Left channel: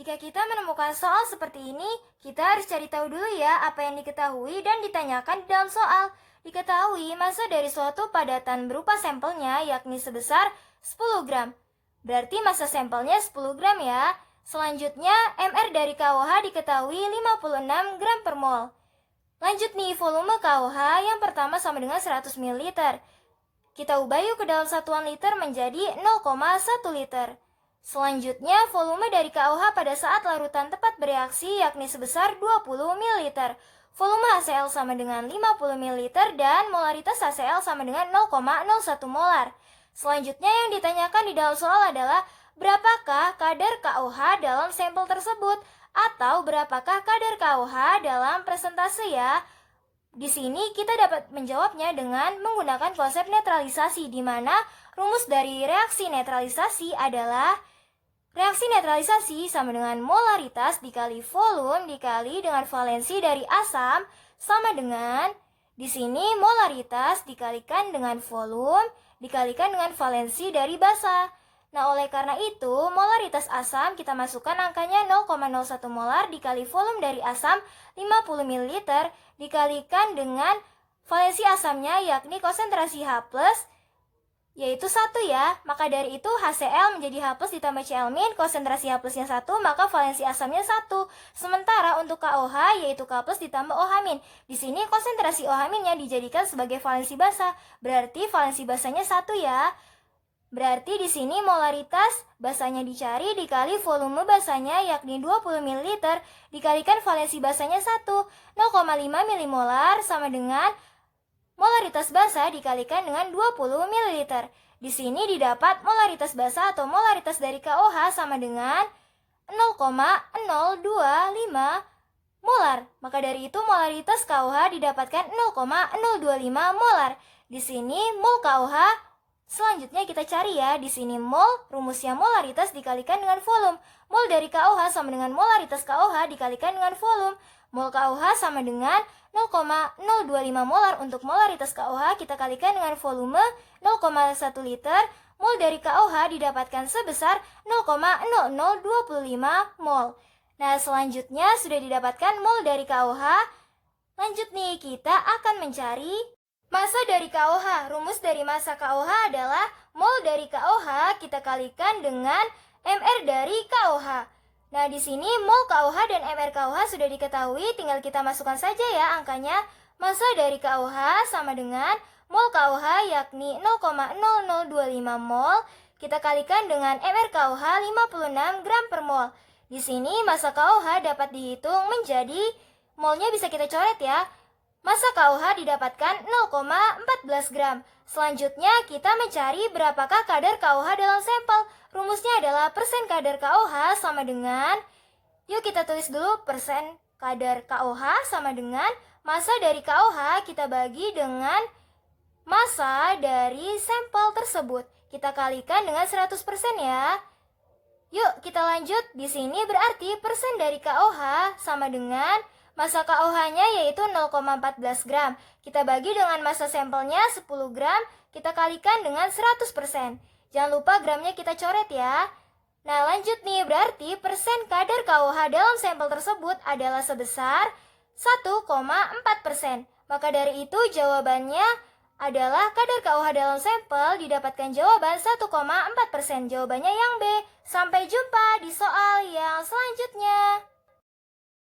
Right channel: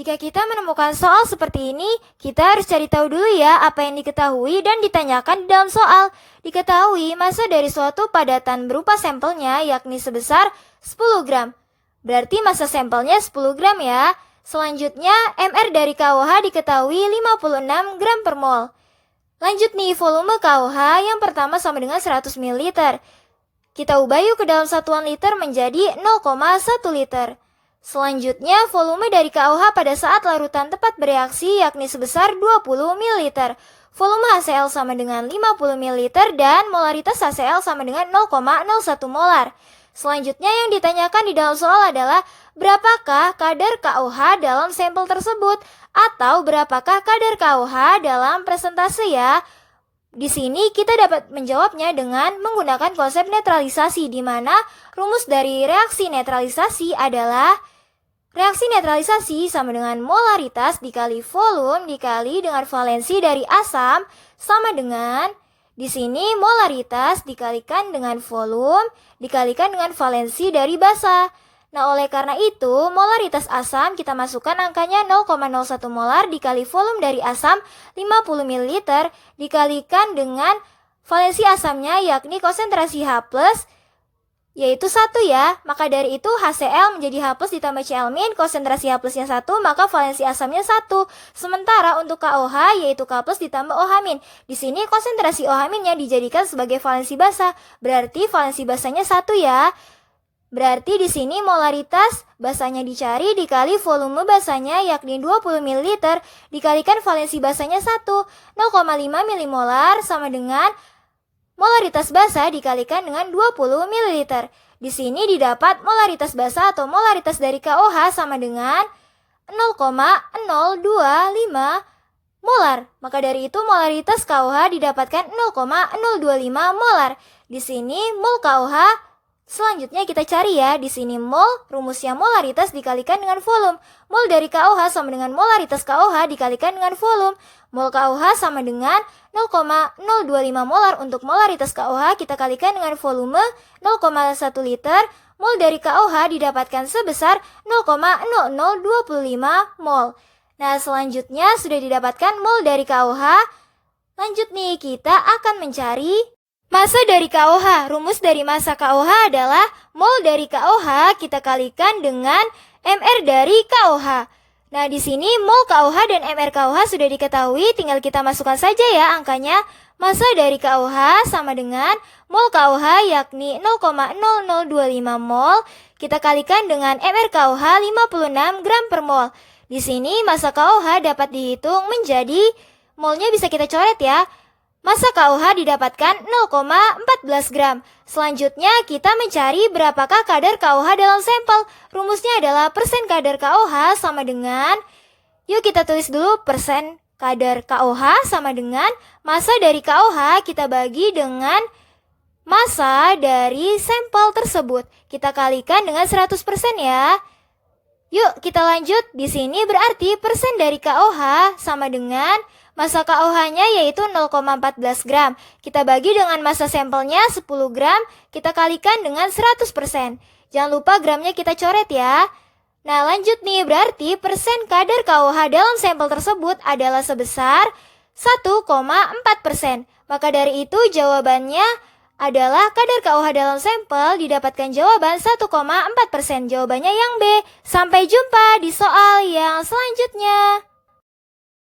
Jika kita menemukan soal seperti ini, kita harus cari tahu dulu ya apa yang diketahui dan ditanyakan di dalam soal. Diketahui massa dari suatu padatan berupa sampelnya yakni sebesar 10 gram. Berarti massa sampelnya 10 gram ya. Selanjutnya, MR dari KOH diketahui 56 gram per mol. Lanjut nih, volume KOH yang pertama sama dengan 100 ml. Kita ubah yuk ke dalam satuan liter menjadi 0,1 liter. Selanjutnya, volume dari KOH pada saat larutan tepat bereaksi yakni sebesar 20 ml. Volume HCl sama dengan 50 ml dan molaritas HCl sama dengan 0,01 molar. Selanjutnya yang ditanyakan di dalam soal adalah berapakah kadar KOH dalam sampel tersebut atau berapakah kadar KOH dalam presentase ya. Di sini kita dapat menjawabnya dengan menggunakan konsep netralisasi di mana rumus dari reaksi netralisasi adalah reaksi netralisasi sama dengan molaritas dikali volume dikali dengan valensi dari asam sama dengan di sini molaritas dikalikan dengan volume dikalikan dengan valensi dari basa. Nah, oleh karena itu, molaritas asam kita masukkan angkanya 0,01 molar dikali volume dari asam 50 ml dikalikan dengan valensi asamnya yakni konsentrasi H+, yaitu 1 ya. Maka dari itu HCl menjadi H+ ditambah Cl-, konsentrasi H+-nya 1, maka valensi asamnya 1. Sementara untuk KOH yaitu K+ ditambah OH-. Di sini konsentrasi OH-nya dijadikan sebagai valensi basa, berarti valensi basanya 1 ya. Berarti di sini molaritas basanya dicari dikali volume basanya yakni 20 ml dikalikan valensi basanya 1, 0,5 milimolar sama dengan molaritas basa dikalikan dengan 20 ml. Di sini didapat molaritas basa atau molaritas dari KOH sama dengan 0,025 molar. Maka dari itu molaritas KOH didapatkan 0,025 molar. Di sini mol KOH selanjutnya kita cari ya, di sini mol, rumusnya molaritas dikalikan dengan volume. Mol dari KOH sama dengan molaritas KOH dikalikan dengan volume. Mol KOH sama dengan 0,025 molar untuk molaritas KOH kita kalikan dengan volume 0,1 liter. Mol dari KOH didapatkan sebesar 0,0025 mol. Nah, selanjutnya sudah didapatkan mol dari KOH. Lanjut nih, kita akan mencari massa dari KOH. Rumus dari massa KOH adalah mol dari KOH kita kalikan dengan MR dari KOH. Nah, di sini mol KOH dan MR KOH sudah diketahui, tinggal kita masukkan saja ya angkanya. Massa dari KOH sama dengan mol KOH yakni 0,0025 mol, kita kalikan dengan MR KOH 56 gram per mol. Di sini massa KOH dapat dihitung menjadi molnya bisa kita coret ya. Massa KOH didapatkan 0,14 gram. Selanjutnya kita mencari berapakah kadar KOH dalam sampel. Rumusnya adalah persen kadar KOH sama dengan, yuk kita tulis dulu persen kadar KOH sama dengan massa dari KOH kita bagi dengan massa dari sampel tersebut. Kita kalikan dengan 100% ya. Yuk kita lanjut. Di sini berarti persen dari KOH sama dengan massa KOH-nya yaitu 0,14 gram. Kita bagi dengan massa sampelnya 10 gram, kita kalikan dengan 100%. Jangan lupa gramnya kita coret ya. Nah, lanjut nih, berarti persen kadar KOH dalam sampel tersebut adalah sebesar 1,4%. Maka dari itu jawabannya adalah kadar KOH dalam sampel didapatkan jawaban 1,4%. Jawabannya yang B. Sampai jumpa di soal yang selanjutnya.